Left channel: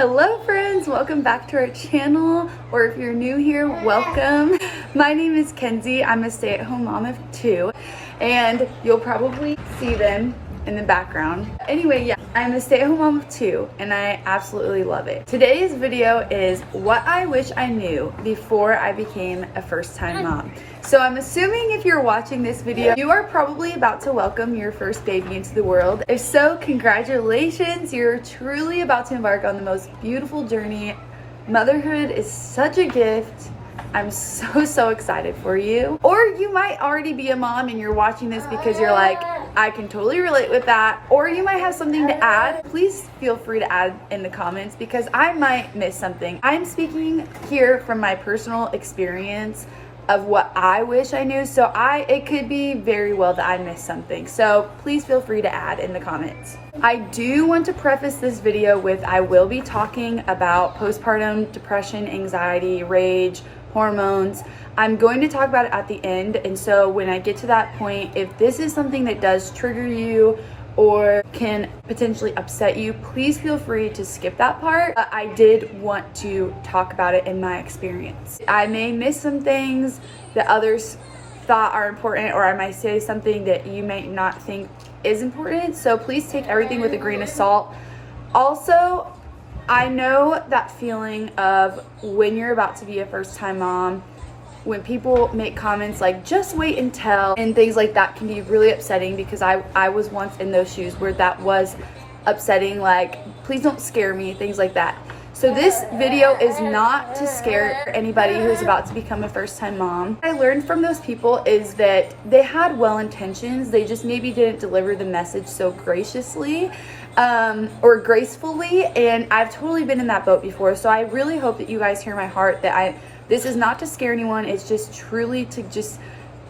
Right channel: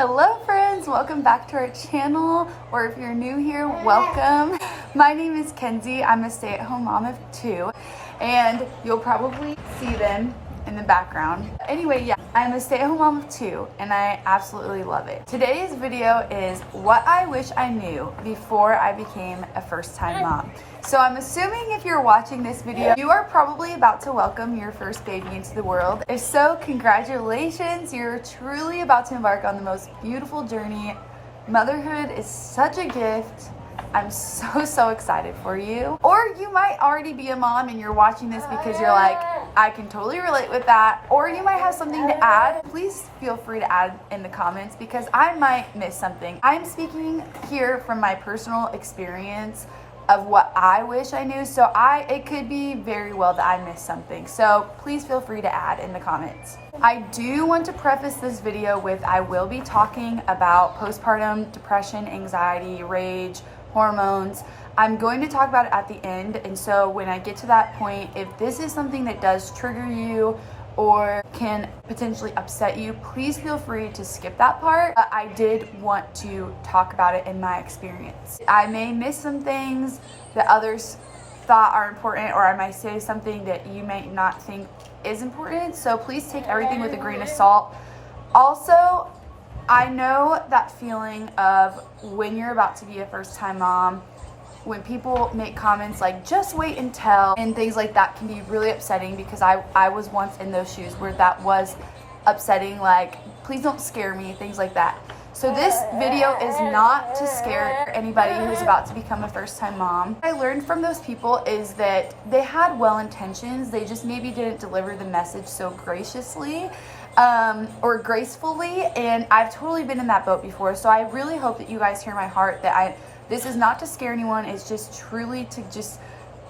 Hello friends, welcome back to our channel, or if you're new here, welcome. My name is Kenzie. I'm a stay-at-home mom of 2, and you'll probably see them in the background. Anyway, yeah, I'm a stay-at-home mom of 2, and I absolutely love it. Today's video is what I wish I knew before I became a first-time mom. So I'm assuming if you're watching this video, you are probably about to welcome your first baby into the world. If so, congratulations. You're truly about to embark on the most beautiful journey. Motherhood is such a gift. I'm so excited for you. Or you might already be a mom and you're watching this because you're like, I can totally relate with that. Or you might have something to add. Please feel free to add in the comments because I might miss something. I'm speaking here from my personal experience of what I wish I knew. So it could be very well that I missed something. So please feel free to add in the comments. I do want to preface this video with I will be talking about postpartum depression, anxiety, rage, hormones. I'm going to talk about it at the end. And so when I get to that point, if this is something that does trigger you or can potentially upset you, please feel free to skip that part. I did want to talk about it in my experience. I may miss some things that others thought are important, or I might say something that you may not think is important. So please take everything with a grain of salt. Also, I know that feeling of when you're about to be a first-time mom, when people make comments like just wait until and things like that can be really upsetting, because I was once in those shoes where that was upsetting, like please don't scare me, things like that. So this video is not to scare anybody who's about to become a first-time mom. What I learned from those people is that they had well intentions, they just maybe didn't deliver the message so graciously or gracefully, and I've totally been in that boat before. So I really hope that you guys hear my heart, that this is not to scare anyone. It's just truly to just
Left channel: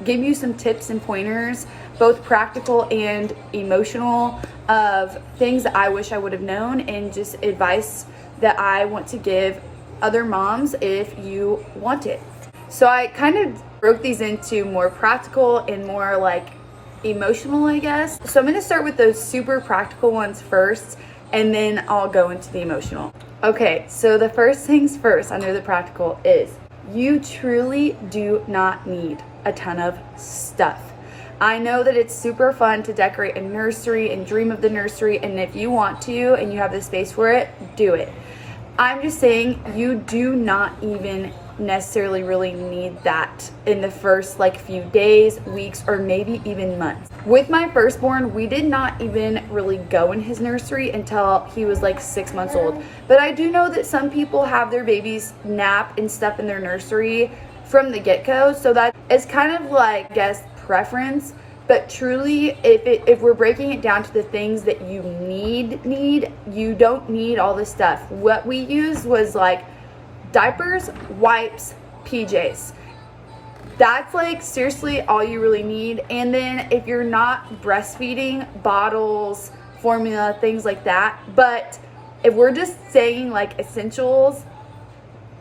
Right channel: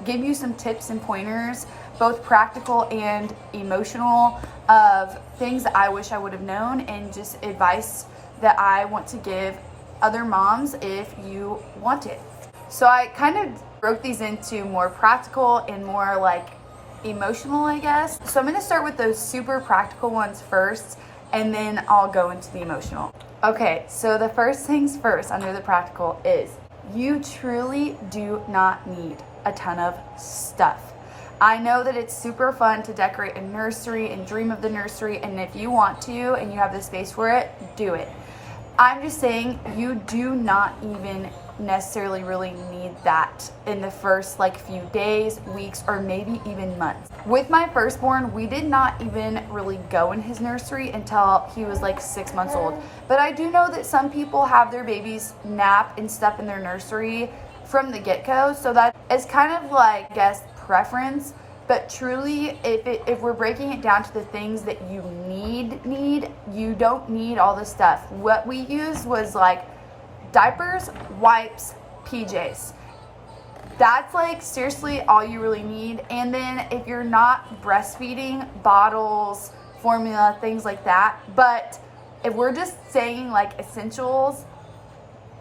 give you some tips and pointers, both practical and emotional, of things that I wish I would have known, and just advice that I want to give other moms if you want it. So I kind of broke these into more practical and more like emotional, I guess. So I'm gonna start with those super practical ones first, and then I'll go into the emotional. Okay, so the first things first under the practical is you truly do not need a ton of stuff. I know that it's super fun to decorate a nursery and dream of the nursery, and if you want to and you have the space for it, do it. I'm just saying you do not even necessarily really need that in the first few days, weeks, or maybe even months. With my firstborn, we did not even really go in his nursery until he was 6 months old. But I do know that some people have their babies nap and stuff in their nursery from the get-go. So that is kind of I guess, preference. But truly, if we're breaking it down to the things that you need, you don't need all this stuff. What we used was diapers, wipes, PJs. That's seriously all you really need. And then if you're not breastfeeding, bottles, formula, things like that. But if we're just saying essentials,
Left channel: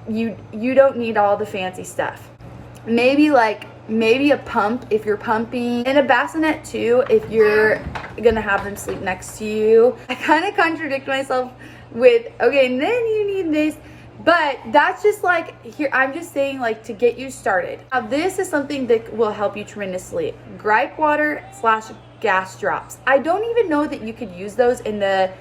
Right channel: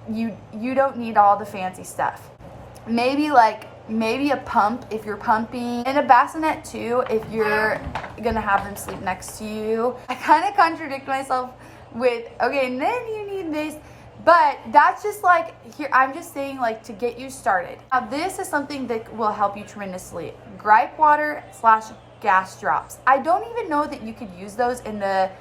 you don't need all the fancy stuff. Maybe a pump if you're pumping, and a bassinet too if you're gonna have them sleep next to you. I kind of contradict myself with, okay, and then you need this, but that's just here, I'm just saying to get you started. Now this is something that will help you tremendously. Gripe water / gas drops. I don't even know that you could use those in the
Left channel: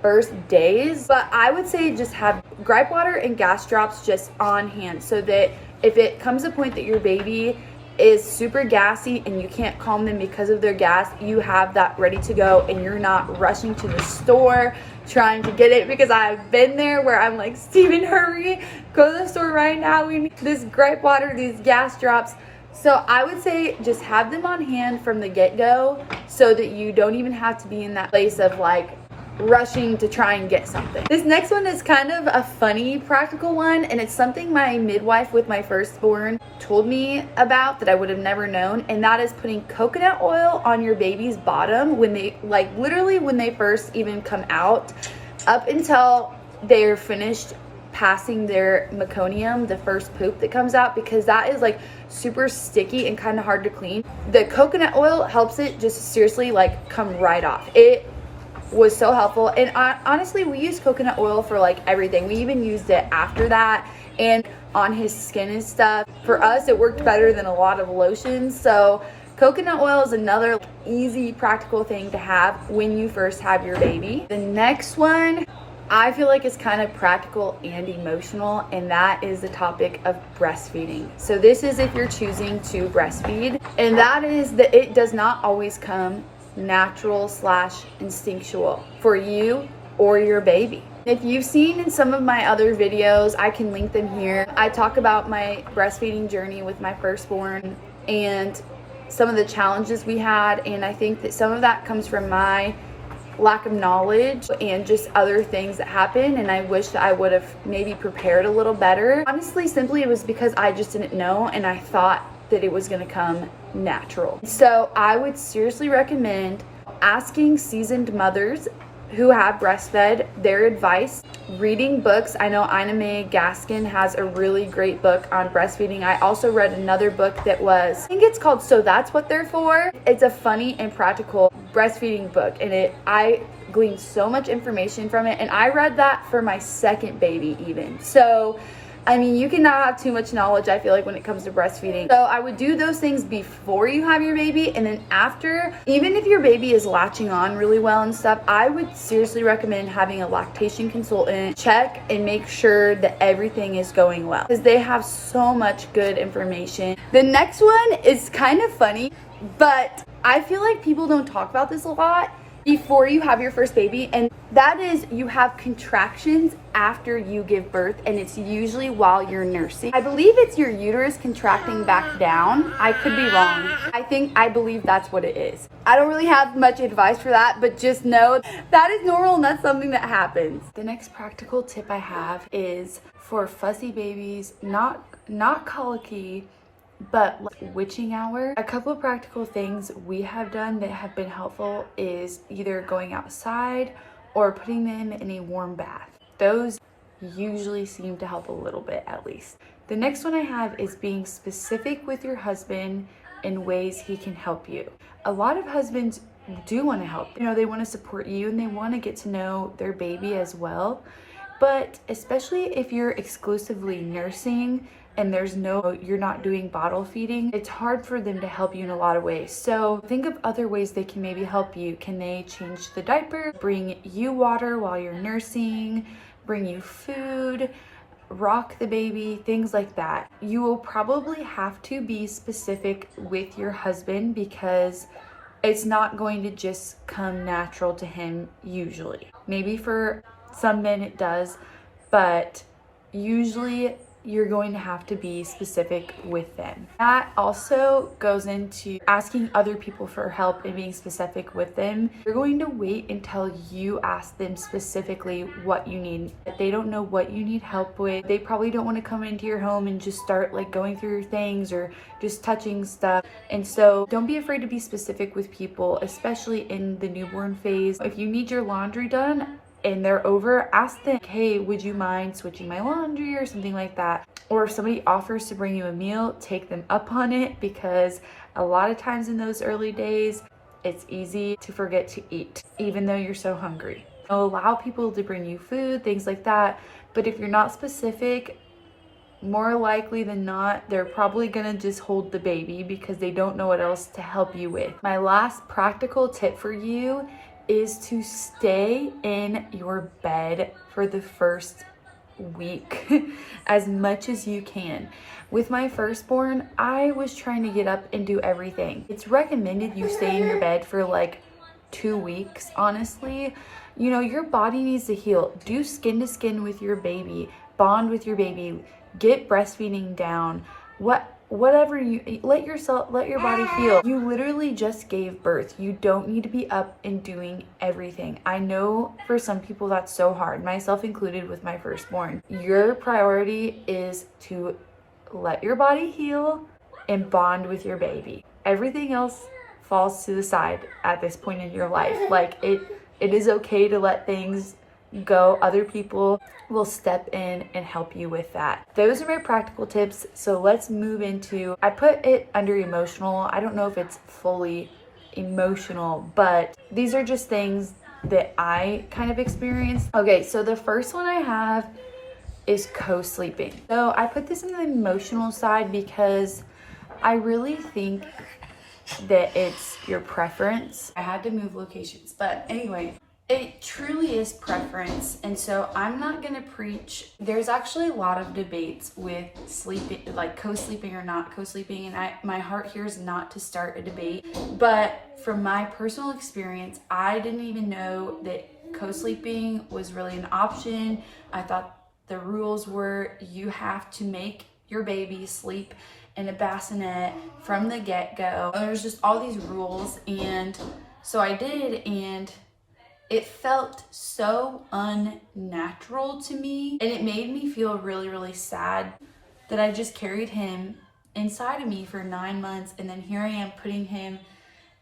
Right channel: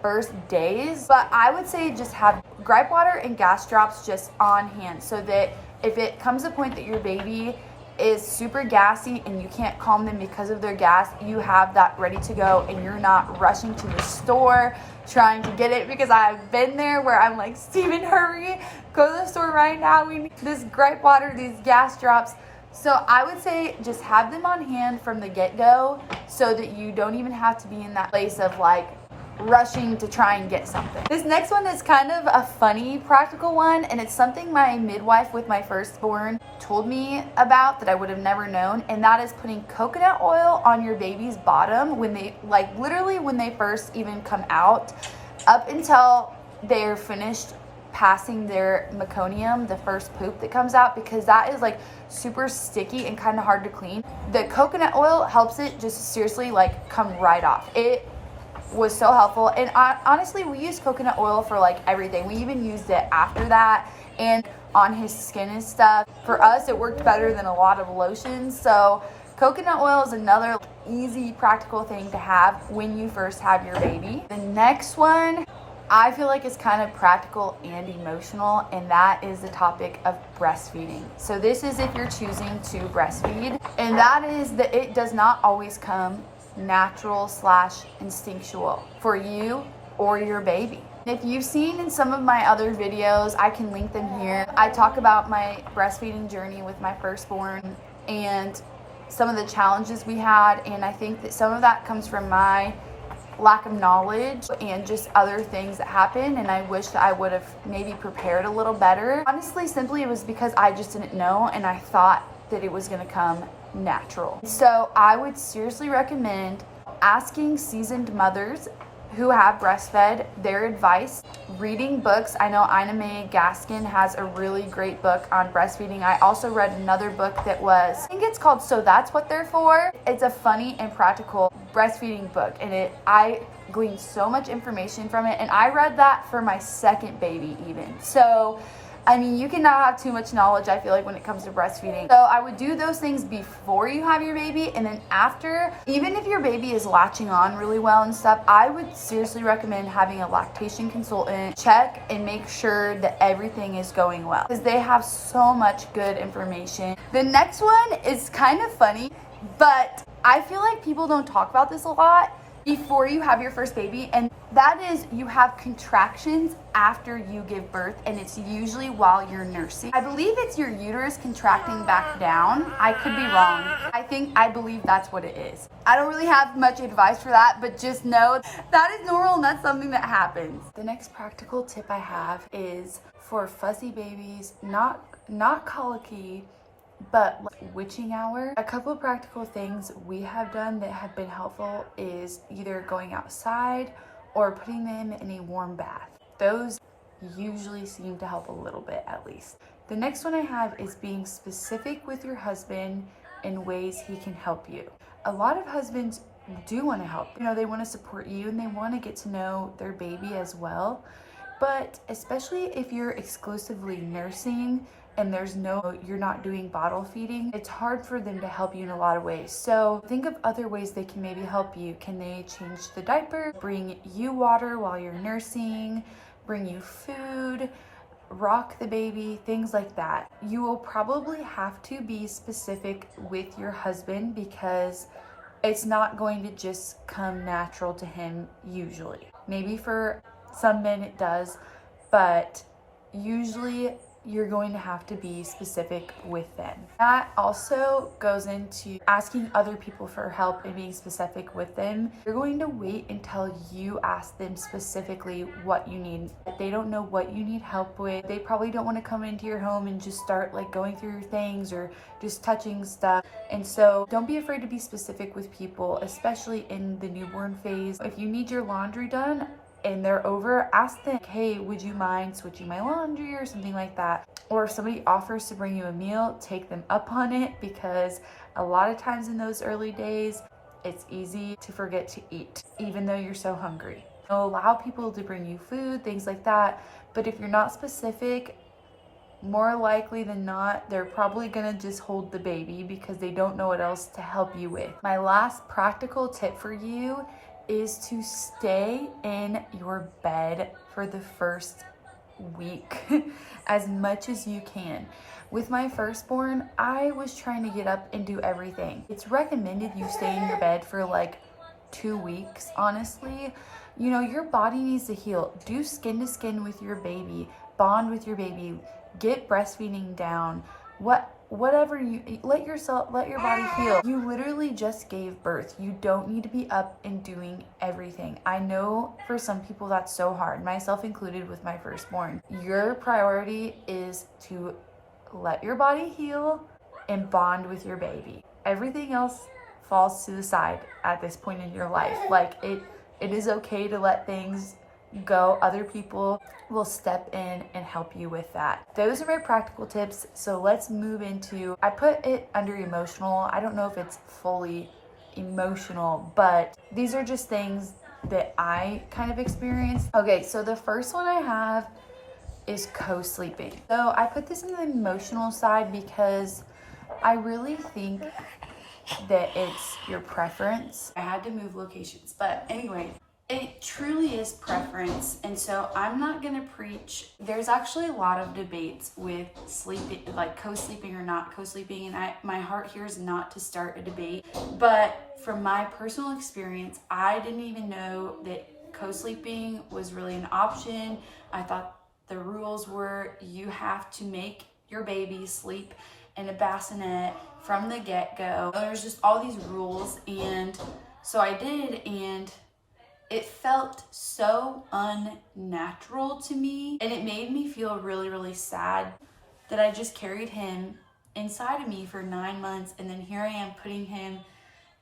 first days, but I would say just have gripe water and gas drops just on hand, so that if it comes to a point that your baby is super gassy and you can't calm them because of their gas, you have that ready to go and you're not rushing to the store trying to get it, because I've been there where I'm like, Steven, hurry, go to the store right now. We need this gripe water, these gas drops. So I would say just have them on hand from the get-go so that you don't even have to be in that place of rushing to try and get something. This next one is kind of a funny practical one, and it's something my midwife with my firstborn told me about that I would have never known, and that is putting coconut oil on your baby's bottom when they literally when they first even come out, up until they're finished passing their meconium, the first poop that comes out, because that is super sticky and kind of hard to clean. The coconut oil helps it just seriously come right off. It was so helpful. And honestly, we used coconut oil for like everything. We even used it after that and on his skin and stuff. For us, it worked better than a lot of lotions. So coconut oil is another easy, practical thing to have when you first have your baby. The next one, I feel like it's kind of practical and emotional, and that is the topic of breastfeeding. So this is if you're choosing to breastfeed, and that is that it does not always come natural / instinctual for you or your baby. If you've seen in some of my other videos, I can link them here. I talk about my breastfeeding journey with my firstborn and some of the challenges we had, and I think that some of that comes from my lack of knowledge and just other things that happened, and I wish that I would have maybe prepared a little better. Honestly, simply it was because I just didn't know, and I thought that it was going to come natural. So I would seriously recommend asking seasoned mothers who have breastfed their advice, reading books. I know Ina May Gaskin has a really great book on breastfeeding. I also read another book that was, I think it's called So That's What They're For. It's a funny and practical breastfeeding book, and I gleaned so much information from it, and I read that for my second baby even. So I mean, you cannot have too much knowledge, I feel like, when it comes to breastfeeding. So I would do those things before you have your baby, and then after, even if your baby is latching on really well and stuff, I would seriously recommend having a lactation consultant check and make sure that everything is going well, because they have so much good information. The next one is kind of funny, but I feel like people don't talk about this a lot before you have your first baby, and that is you have contractions after you give birth, and it's usually while you're nursing. I believe it's your uterus contracting back down. I could be wrong. I believe that's what it is. I don't really have much advice for that, but just know that is normal and that's something that happens. The next practical tip I have is for fussy babies, not colicky, but like witching hour. A couple of practical things we have done that have been helpful is either going outside or putting them in a warm bath. Those usually seem to help a little bit, at least. The next one I have is being specific with your husband in ways he can help you. A lot of husbands do want to help. You know, they want to support you and they want to get to know their baby as well. But especially if you're exclusively nursing and you're not doing bottle feeding, it's hard for them to help you in a lot of ways. So think of other ways they can maybe help you. Can they change the diaper, bring you water while you're nursing, bring you food, rock the baby, things like that? You will probably have to be specific with your husband because it's not going to just come natural to him usually. Maybe for some men it does, but usually you're going to have to be specific with them. That also goes into asking other people for help and being specific with them. You're going to wait until you ask them specifically what you need. If they don't know what you need help with, they probably don't want to come into your home and just start like going through your things or just touching stuff. And so don't be afraid to be specific with people, especially in the newborn phase. If you need your laundry done and they're over, ask them, hey, would you mind switching my laundry or something like that? Or if somebody offers to bring you a meal, take them up on it, because a lot of times in those early days, it's easy to forget to eat, even though you're so hungry. So allow people to bring you food, things like that. But if you're not specific, more likely than not, they're probably gonna just hold the baby because they don't know what else to help you with. My last practical tip for you is to stay in your bed for the first week as much as you can. With my firstborn, I was trying to get up and do everything. It's recommended you stay in your bed for like 2 weeks, honestly. You know, your body needs to heal. Do skin to skin with your baby, bond with your baby, get breastfeeding down. Whatever you let your body heal. You literally just gave birth. You don't need to be up and doing everything. I know for some people that's so hard, myself included with my firstborn. Your priority is to let your body heal and bond with your baby. Everything else falls to the side at this point in your life. Like it is okay to let things go. Other people will step in and help you with that. Those are my practical tips. So let's move into, I put it under emotional. I don't know if it's fully emotional, but these are just things that I kind of experienced. Okay, so the first one I have is co-sleeping. So I put this in the emotional side because I really think that it's your preference. I had to move locations, but anyway, it truly is preference. And so I'm not gonna preach. There's actually a lot of debates with sleeping, like co-sleeping or not co-sleeping, and my heart here is not to start a debate, but from my personal experience, I didn't even know that co-sleeping was really an option. I thought the rules were you have to make your baby sleep in a bassinet from the get-go. There's just all these rules, and so I did, and it felt so unnatural to me, and it made me feel really, really sad that I just carried him inside of me for 9 months, and then here I am putting him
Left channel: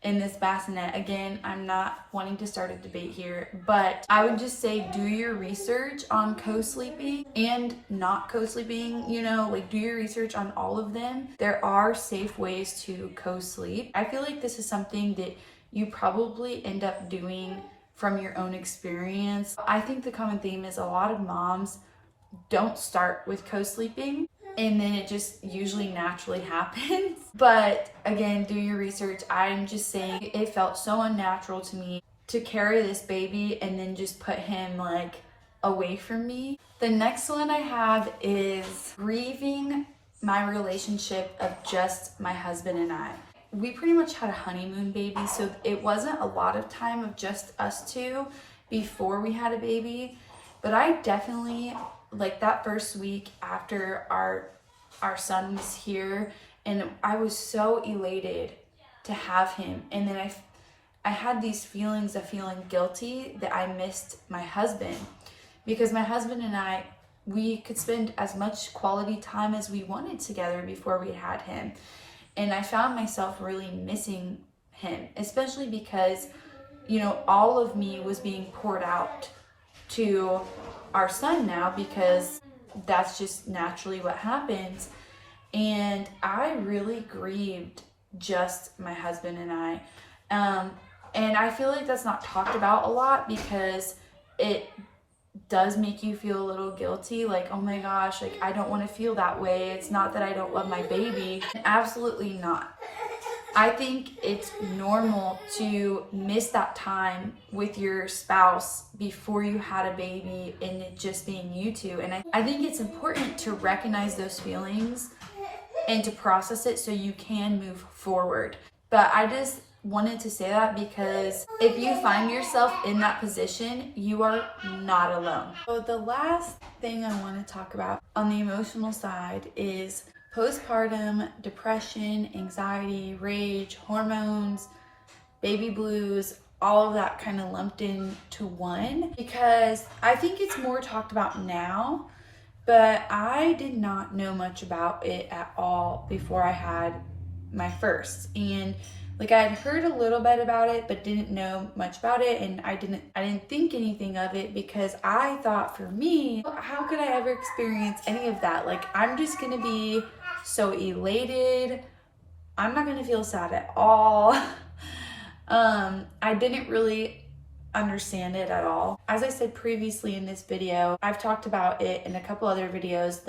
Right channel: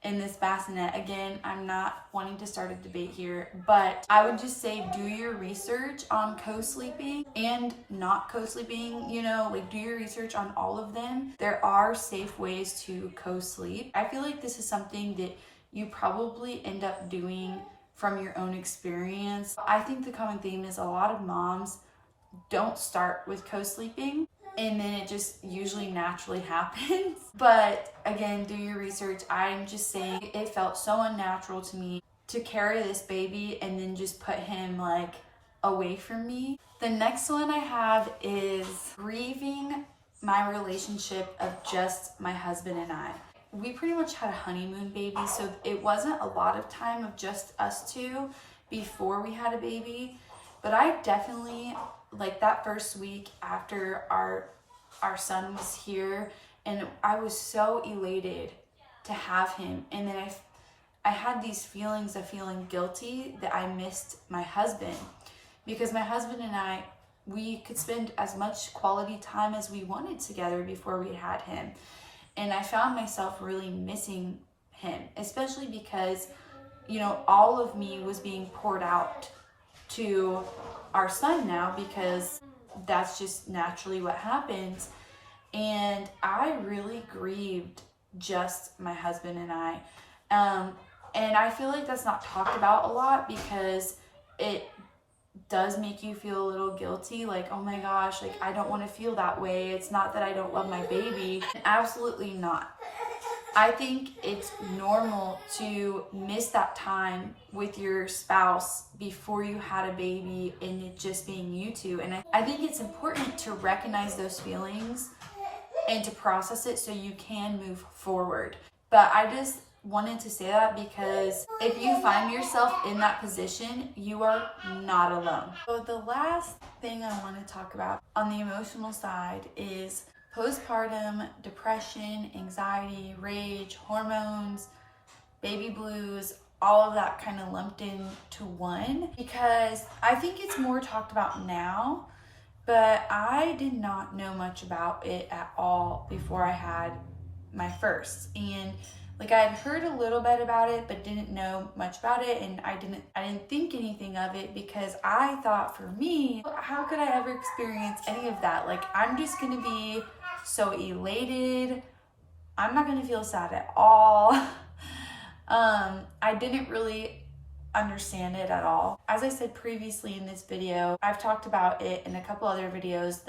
in this bassinet. Again, I'm not wanting to start a debate here, but I would just say do your research on co-sleeping and not co-sleeping, you know, like do your research on all of them. There are safe ways to co-sleep. I feel like this is something that you probably end up doing from your own experience. I think the common theme is a lot of moms don't start with co-sleeping, and then it just usually naturally happens. But again, do your research. I'm just saying it felt so unnatural to me to carry this baby and then just put him like away from me. The next one I have is grieving my relationship of just my husband and I. We pretty much had a honeymoon baby, so it wasn't a lot of time of just us two before we had a baby. But I definitely, like that first week after our son was here, and I was so elated to have him, and then I had these feelings of feeling guilty that I missed my husband, because my husband and I, we could spend as much quality time as we wanted together before we had him. And I found myself really missing him, especially because, you know, all of me was being poured out to our son now, because that's just naturally what happens. And I really grieved just my husband and I. And I feel like that's not talked about a lot, because it does make you feel a little guilty, like, oh my gosh, like I don't want to feel that way. It's not that I don't love my baby. Absolutely not. I think it's normal to miss that time with your spouse before you had a baby and it just being you two. And I think it's important to recognize those feelings and to process it so you can move forward. But I just wanted to say that because if you find yourself in that position, you are not alone. So the last thing I want to talk about on the emotional side is postpartum depression, anxiety, rage, hormones, baby blues, all of that kind of lumped into one, because I think it's more talked about now, but I did not know much about it at all before I had my first. And like I had heard a little bit about it, but didn't know much about it, and I didn't think anything of it, because I thought, for me, how could I ever experience any of that? Like, I'm just gonna be so elated. I'm not gonna feel sad at all. I didn't really understand it at all. As I said previously in this video, I've talked about it in a couple other videos.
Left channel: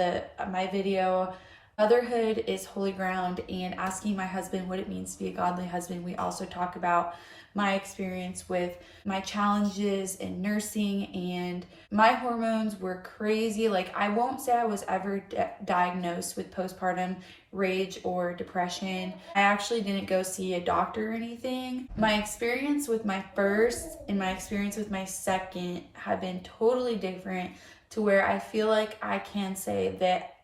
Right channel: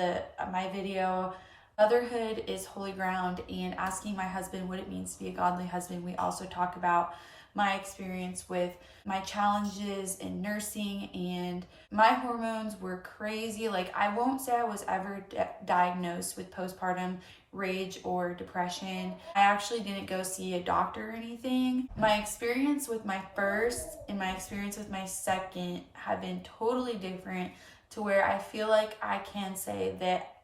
My video, Motherhood is Holy Ground, and asking my husband what it means to be a godly husband. We also talk about my experience with my challenges in nursing, and my hormones were crazy. Like, I won't say I was ever diagnosed with postpartum rage or depression. I actually didn't go see a doctor or anything. My experience with my first and my experience with my second have been totally different, to where I feel like I can say that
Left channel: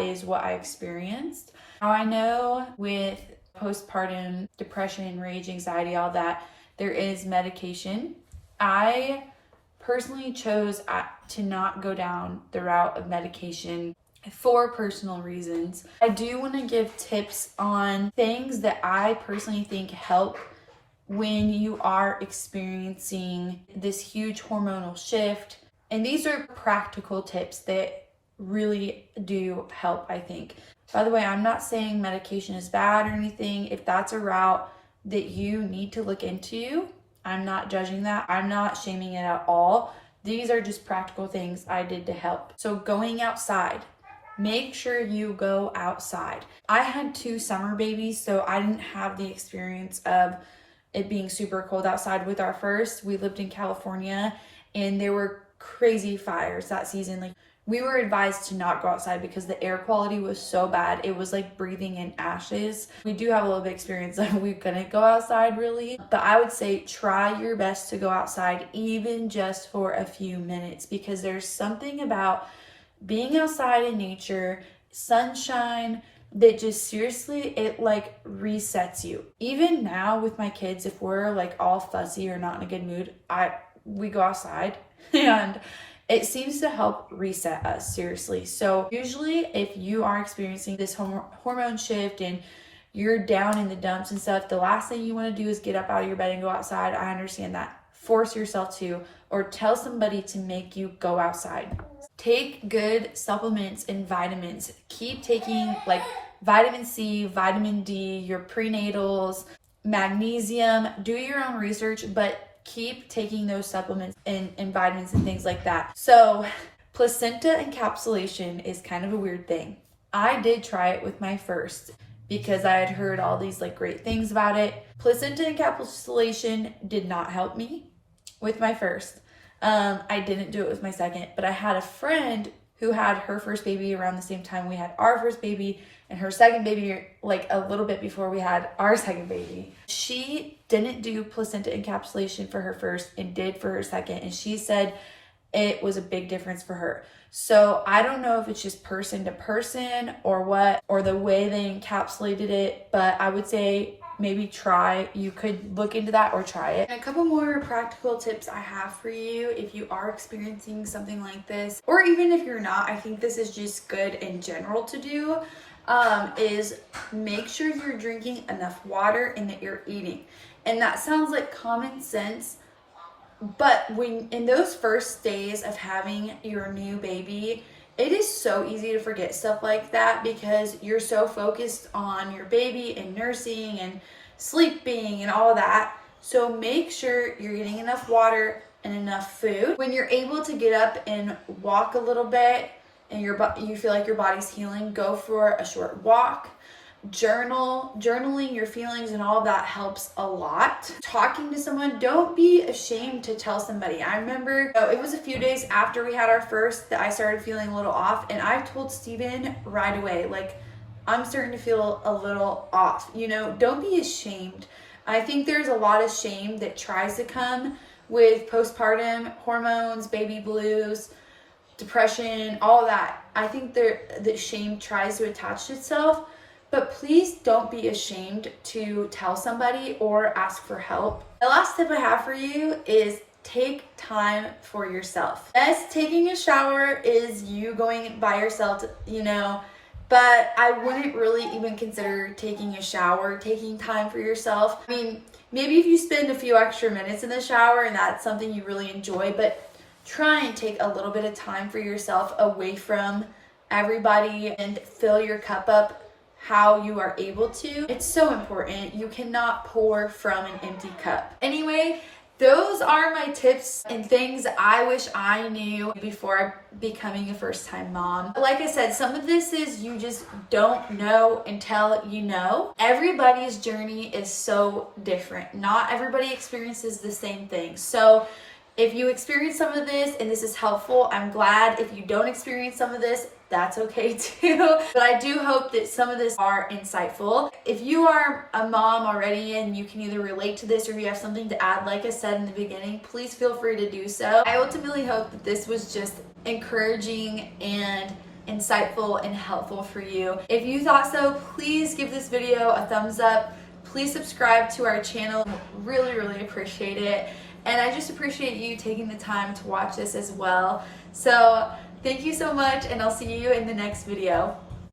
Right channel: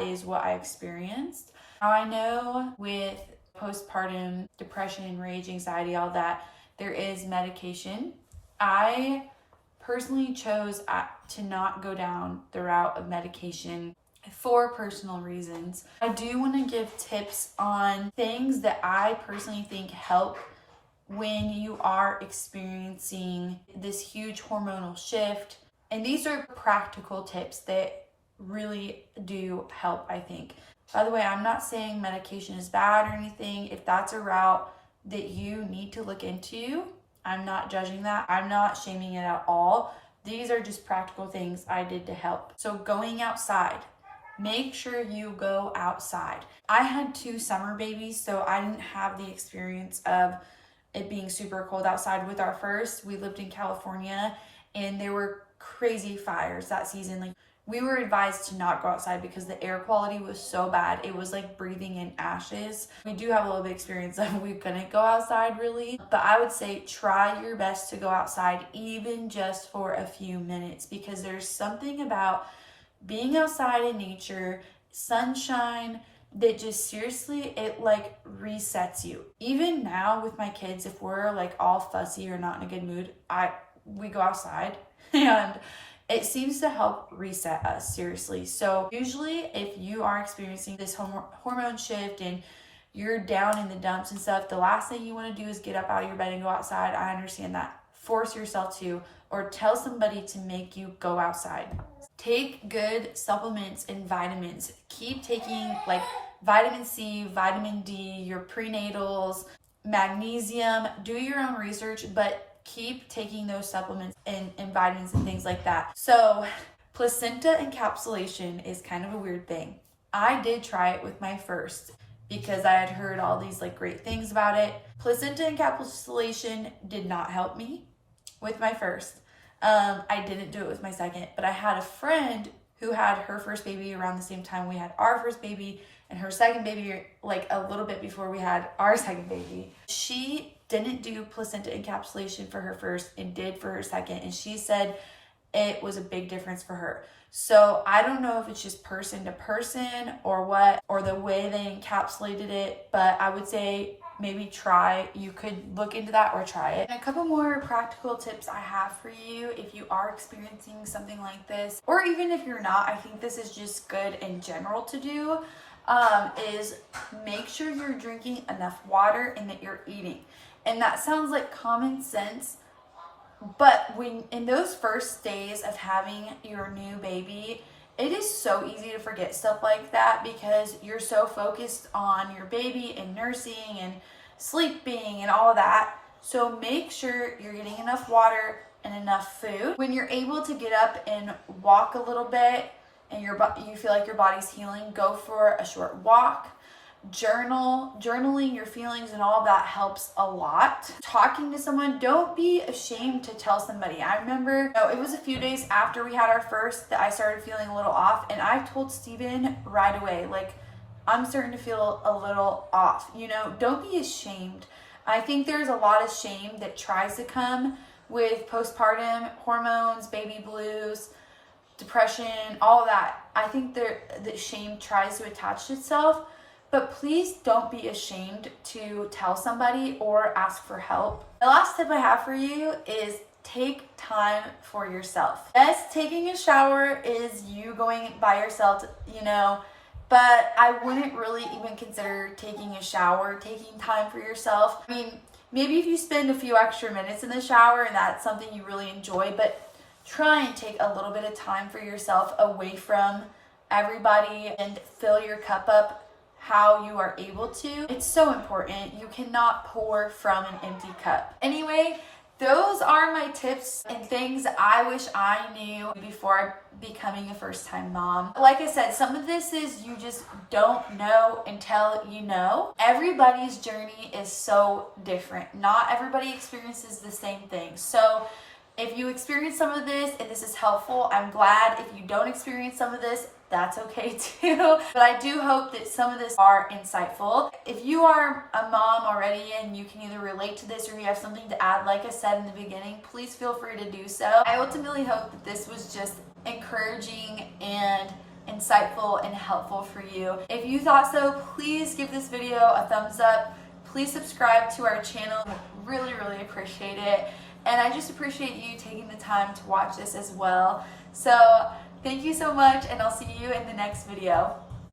is what I experienced. Now, I know with postpartum depression, rage, anxiety, all that, there is medication. I personally chose to not go down the route of medication for personal reasons. I do want to give tips on things that I personally think help when you are experiencing this huge hormonal shift. And these are practical tips that really do help, I think. By the way, I'm not saying medication is bad or anything. If that's a route that you need to look into, I'm not judging that. I'm not shaming it at all. These are just practical things I did to help. So going outside, make sure you go outside. I had 2 summer babies, so I didn't have the experience of it being super cold outside with our first. We lived in California and there were crazy fires that season. Like, we were advised to not go outside because the air quality was so bad. It was like breathing in ashes. We do have a little bit of experience that we couldn't go outside really, but I would say try your best to go outside even just for a few minutes, because there's something about being outside in nature, sunshine, that just seriously, it like resets you. Even now with my kids, if we're like all fussy or not in a good mood, we go outside and it seems to help reset us, seriously. So usually if you are experiencing this hormone shift and you're down in the dumps and stuff, the last thing you want to do is get up out of your bed and go outside. I understand that. Force yourself to, or tell somebody to make you go outside. Take good supplements and vitamins. Keep taking like vitamin C, vitamin D, your prenatals, magnesium. Do your own research, but keep taking those supplements and vitamins and things like that. So placenta encapsulation is kind of a weird thing. I did try it with my first because I had heard all these like great things about it. Placenta encapsulation did not help me with my first. I didn't do it with my second, but I had a friend who had her first baby around the same time we had our first baby, and her second baby like a little bit before we had our second baby. She didn't do placenta encapsulation for her first and did for her second, and she said it was a big difference for her. So I don't know if it's just person to person or what, or the way they encapsulated it, but I would say maybe you could look into that or try it. And a couple more practical tips I have for you if you are experiencing something like this, or even if you're not, I think this is just good in general to do, is make sure you're drinking enough water and that you're eating. And that sounds like common sense, but when in those first days of having your new baby, it is so easy to forget stuff like that because you're so focused on your baby and nursing and sleeping and all of that. So make sure you're getting enough water and enough food. When you're able to get up and walk a little bit and you feel like your body's healing, go for a short walk. Journaling your feelings and all of that helps a lot. Talking to someone, don't be ashamed to tell somebody. I remember it was a few days after we had our first that I started feeling a little off, and I told Steven right away, like, I'm starting to feel a little off. Don't be ashamed. I think there's a lot of shame that tries to come with postpartum hormones, baby blues, depression, all of that. I think that shame tries to attach itself. But please don't be ashamed to tell somebody or ask for help. The last tip I have for you is take time for yourself. Yes, taking a shower is you going by yourself, but I wouldn't really even consider taking a shower, taking time for yourself. I mean, maybe if you spend a few extra minutes in the shower and that's something you really enjoy, but try and take a little bit of time for yourself away from everybody and fill your cup up how you are able to. It's so important. You cannot pour from an empty cup. Anyway, those are my tips and things I wish I knew before becoming a first-time mom. Like I said, some of this is you just don't know until you know. Everybody's journey is so different. Not everybody experiences the same thing. So if you experience some of this and this is helpful, I'm glad. If you don't experience some of this, that's okay too. But I do hope that some of this are insightful. If you are a mom already and you can either relate to this or you have something to add, like I said in the beginning, please feel free to do so. I ultimately hope that this was just encouraging and insightful and helpful for you. If you thought so, please give this video a thumbs up. Please subscribe to our channel. Really, really appreciate it. And I just appreciate you taking the time to watch this as well. So thank you so much, and I'll see you in the next video.